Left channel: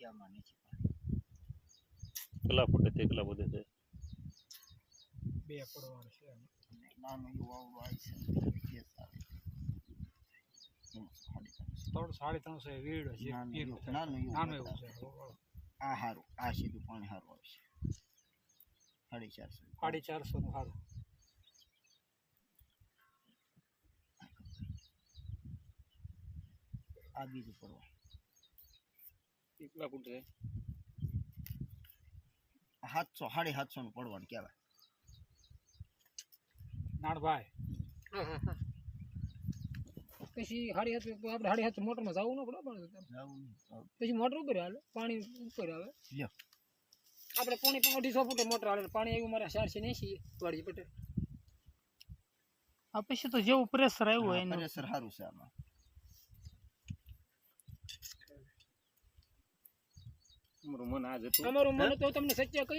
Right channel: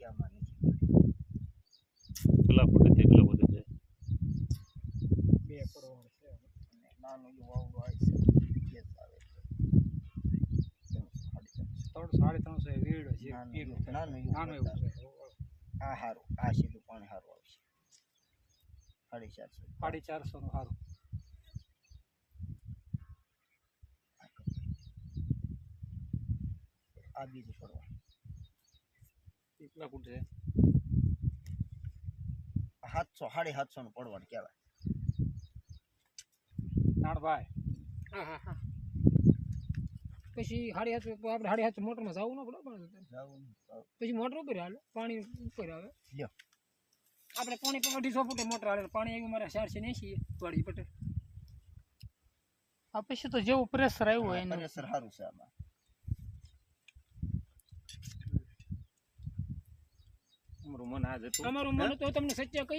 છે આમાં નીચે કેટલા ફૂટે તે કેટલા ફૂટે છે? 2 પડવાળ છે અને નાનું એવું આવડું આવે છે ગેસ આવે છે 300-350 વીડ છે નાનું એવું નાનું એવું બતાવે. છે આ સારું આ સીધું પાણી સારું આવશે 450 450 નું સારું આ બીજું પડવા કેટલા ફૂટ છે? 700-750 નું પડવાનું કહેવાય. નાણભાઈ પછી 750 આપણે 750 મોટરમાં જવું ન પડે પણ જાવું નહીં તો પછી મોટર ઉપર હાલે પાણી ઉપર આવે લ્યો આપણે પાણી 250 ફૂટે મોટર હાલે પાણી આવ્યું મારે 480 વાળી પટે આ પછી તો જેવું પ્રેશર આવ્યું હોય એનું પ્રેશર સારું છે આમાં. તમારું મન આ જતું તમારું મન તો તમને સત્ય કહી